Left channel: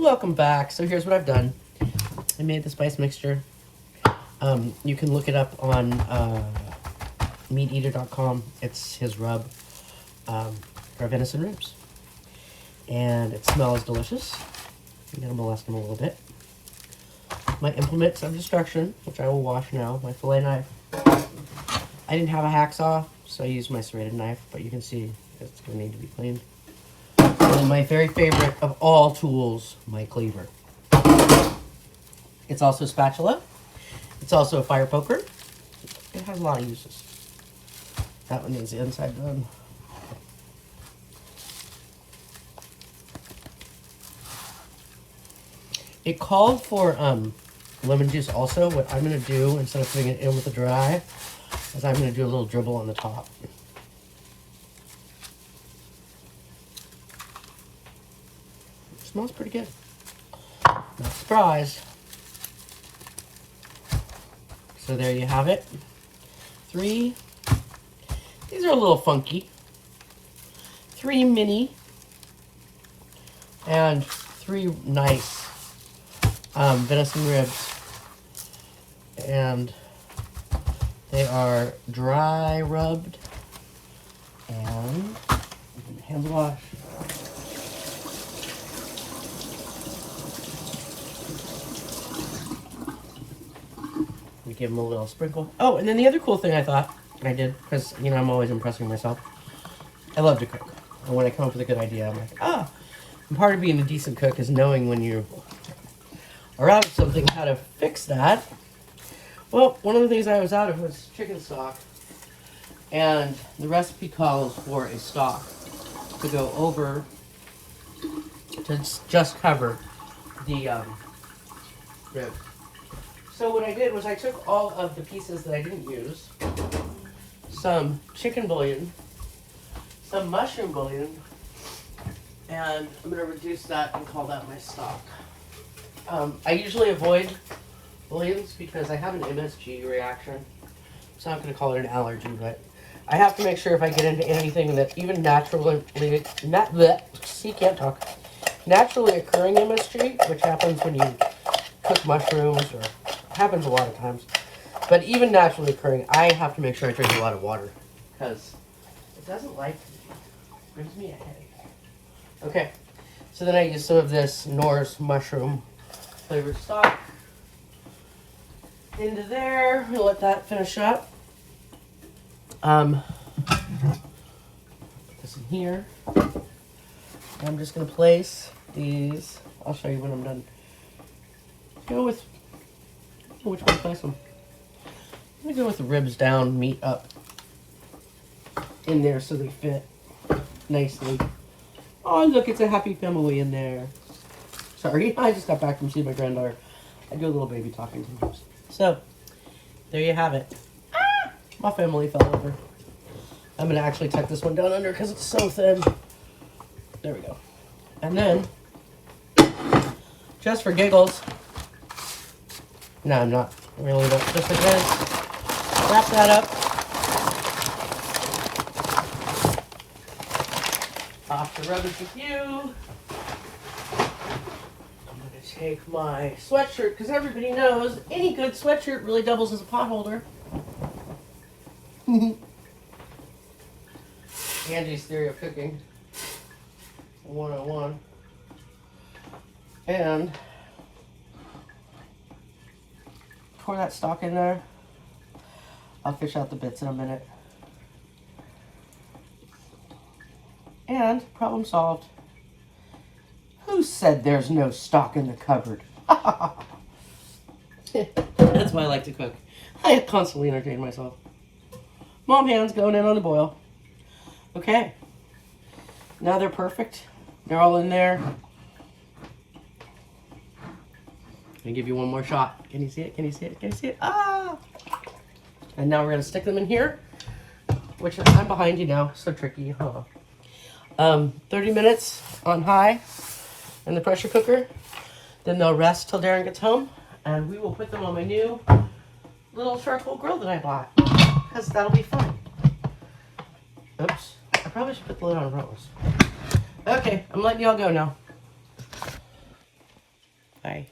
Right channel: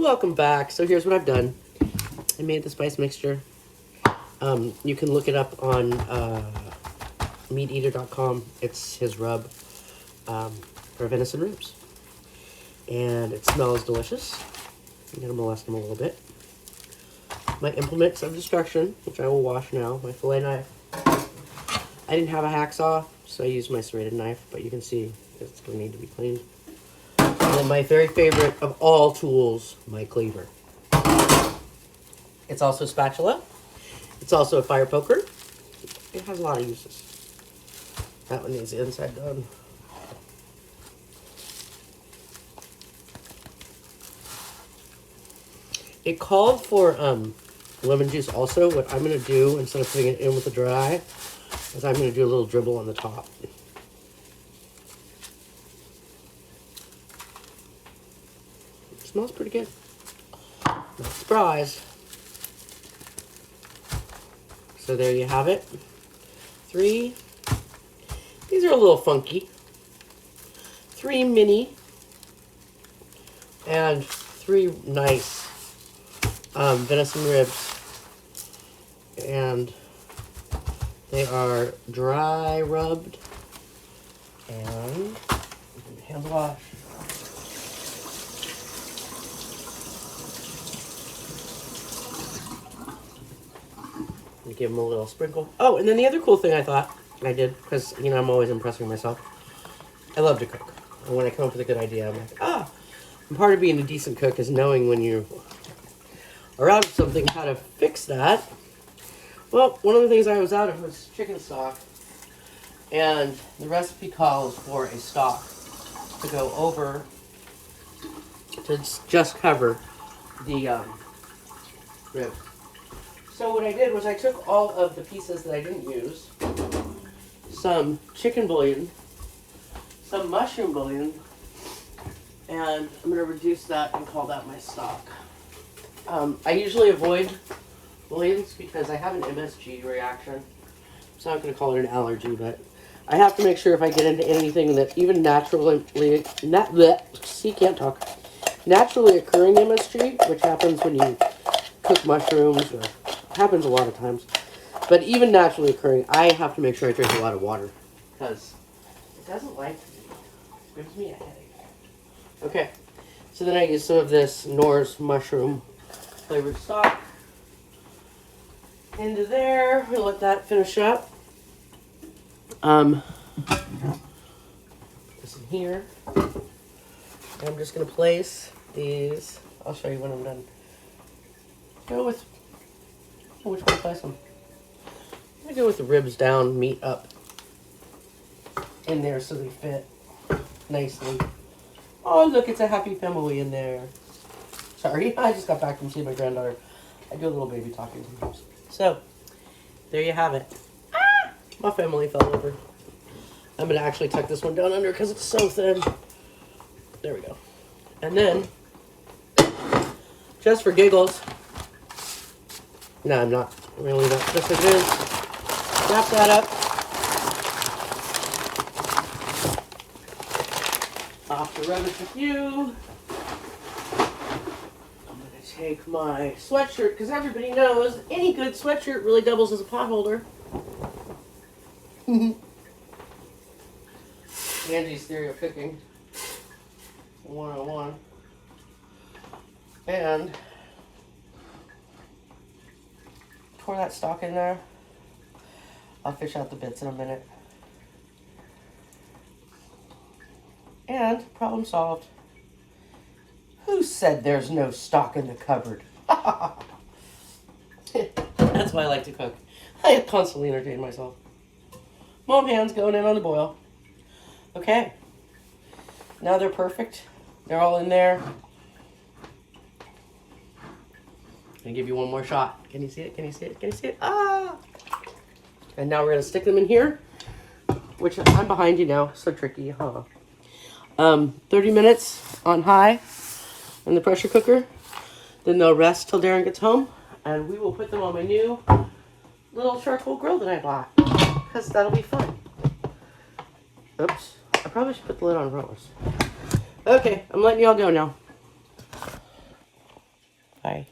Welcome back. So here's what I've done. I made the spice mixture. You can look it up on meateater.com. It's his rub for venison ribs. And it smells delicious. I'm going to molest them a little bit. My implements of destruction, which I will wash now. My fillet knife. I didn't have a hacksaw, so I used my serrated knife, but you can see it's going to need to be cleaned. And my very favorite of all tools, my cleaver. It's also a spatula. It's also a fire poker. It has a lot of uses. That one needs the inside done. It called for lemon juice also. What I'm going to do, instead of putting it in with the dry, is I'm going to do a little dribble on the top. It smells pretty good. Not surprised. So there you have it. 3. These are a little funky. 3 mini. And 3 nice venison ribs. And they are dry rubbed. And hands wash. Give them a little sprinkle. Oh, and then the other cool thing I thought I did, because, you know, I'm always impressing myself. I love to cook. And when I come up with a good idea, I'm like, oh. And part of being a decent cook is knowing when you are out of something, how to fix that. Well, one of the things I was out of was chicken stock. And the recipe calls for a stock to go over, to just cover the rib. So what I did was I took all of the pieces that I didn't use, some chicken bouillon, some mushroom bouillon, and I'm going to reduce that and call that my stock. I usually avoid bouillons because I have an MSG reaction. So I'm not going to call it an allergy, but I have to make sure if I get into anything that even naturally occurring MSG, which happens when you cook mushrooms, or happens a lot of times, but even naturally occurring, I have to make sure I drink a lot of water because it doesn't like it brings me a headache. Okay, so then I use some of this Norse mushroom flavored stock into there. We'll let that finish up. Put this in here. I'm just going to place these. I'll show you when I'm done. Go with which one to place them. I'm going to go with the ribs down, meat up in there so they fit nicely. Oh, look, it's a happy family in there. Sorry, I just got back from seeing my granddaughter. I do a little baby talking sometimes. So, there you have it. Ah, my family fell over. I'm going to actually tuck this one down under because it's so thin. There we go. And then, just for giggles, no, I'm not. I'm going to leave it just like this. Wrap that up. Off the rubbish with you. I'm going to take my sweatshirt, because everybody knows any good sweatshirt really doubles as a pot holder. Andy's theory of cooking 101. And pour that stock in there. I'll fish out the bits in a minute. And problem solved. Who said there's no stock in the cupboard? That's why I like to cook. I constantly entertain myself. Mom hands going in on the boil. Okay. Now they're perfect. They're all in there. I'll give you one more shot. Can you see it? Can you see it? Can you see it? Ah! And now we're going to stick them in here, which I'm behind you now. So tricky, huh? 30 minutes on high in the pressure cooker. Then they'll rest till Darren gets home. And we will put them on my new little charcoal grill that I bought. Because that'll be fun. Oops. I probably should put the lid on purpose. Okay, I'm letting y'all go now. Bye.